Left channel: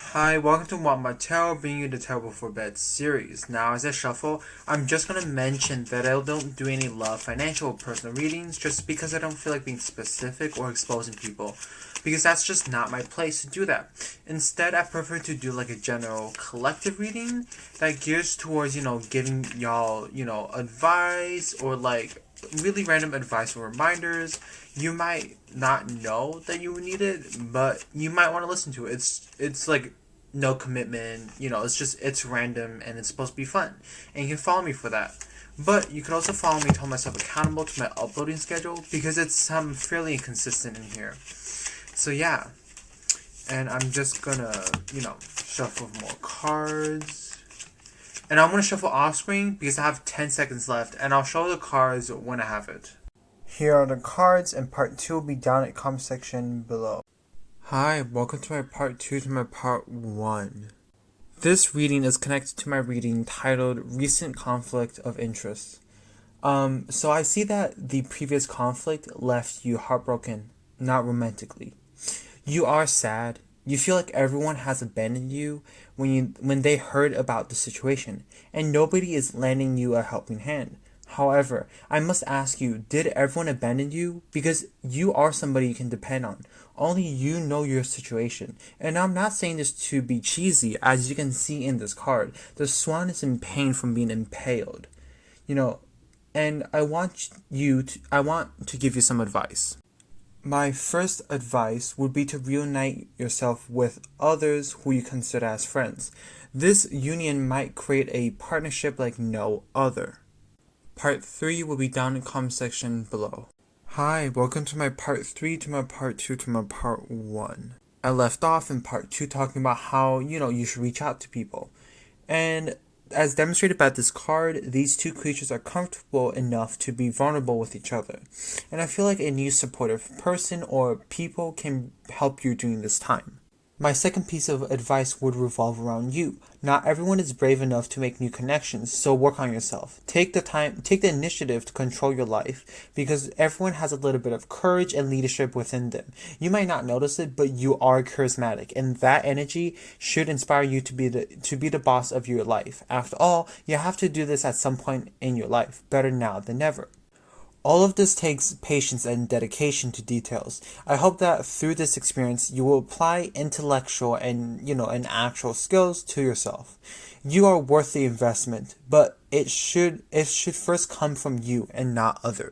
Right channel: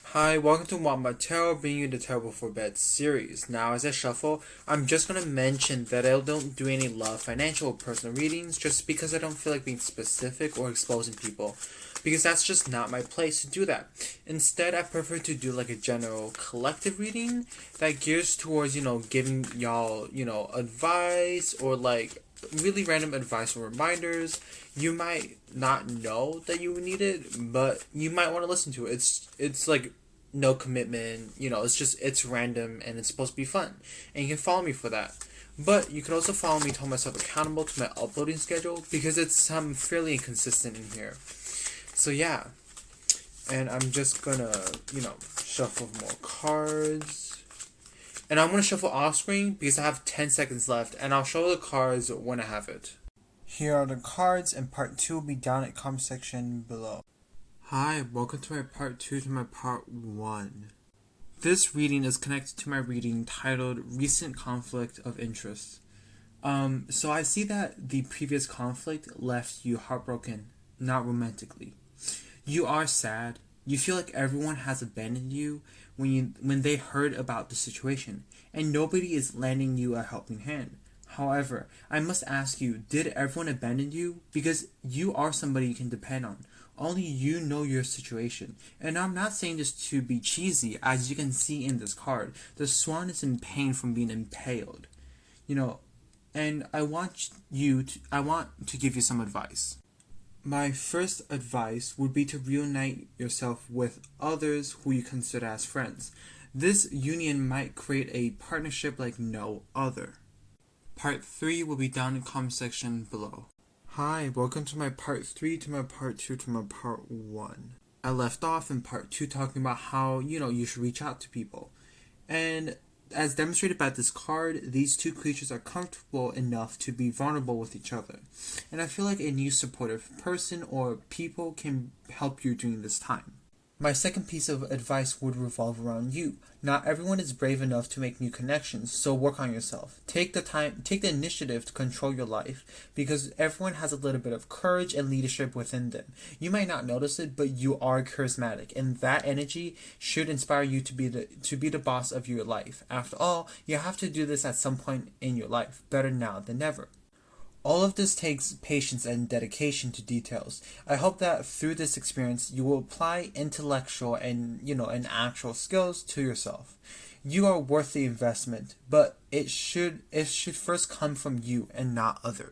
Hi, welcome to Wamba Tarot, bringing you the Tarot Before Bed series. Now, as I shuffle, I'm just going to mention that I don't do any love, financial, or personal readings just because I don't feel like being specific or exposing people, because that's just not my place to do that. Instead, I prefer to do like a general collective reading that gears towards, giving y'all, advice or like really random advice or reminders. You might not know that you need it, but you might want to listen to it. It's like no commitment, it's random and it's supposed to be fun. And you can follow me for that. But you can also follow me to hold myself accountable to my uploading schedule because it's fairly inconsistent in here. So yeah. And I'm just gonna, shuffle more cards. And I'm gonna shuffle off screen because I have 10 seconds left and I'll show the cards when I have it. Here are the cards, and part 2 will be down in the comment section below. Hi, welcome to my part 2 to my part 1. This reading is connected to my reading titled Recent Conflict of Interest. So I see that the previous conflict left you heartbroken, not romantically. You are sad. You feel like everyone has abandoned you when they heard about the situation, and nobody is lending you a helping hand. However, I must ask you, did everyone abandon you? Because you are somebody you can depend on. Only you know your situation. And I'm not saying this to be cheesy, as you can see in this card. The swan is in pain from being impaled. And I want to give you some advice. My first advice would be to reunite yourself with others who you consider as friends. This union might create a partnership like no other. Part 3 will be down in the comment section below. Hi, welcome to my part 3 to my part 2 to my part 1. I left off in part 2 talking about how, you should reach out to people. And as demonstrated by this card, these two creatures are comfortable enough to be vulnerable with each other. And I feel like a new supportive person or people can help you during this time. My second piece of advice would revolve around you. Not everyone is brave enough to make new connections, so work on yourself. Take the initiative to control your life, because everyone has a little bit of courage and leadership within them. You might not notice it, but you are charismatic, and that energy should inspire you to be the boss of your life. After all, you have to do this at some point in your life. Better now than never. All of this takes patience and dedication to details. I hope that through this experience you will apply intellectual and actual skills to yourself. You are worth the investment, but it should first come from you and not others.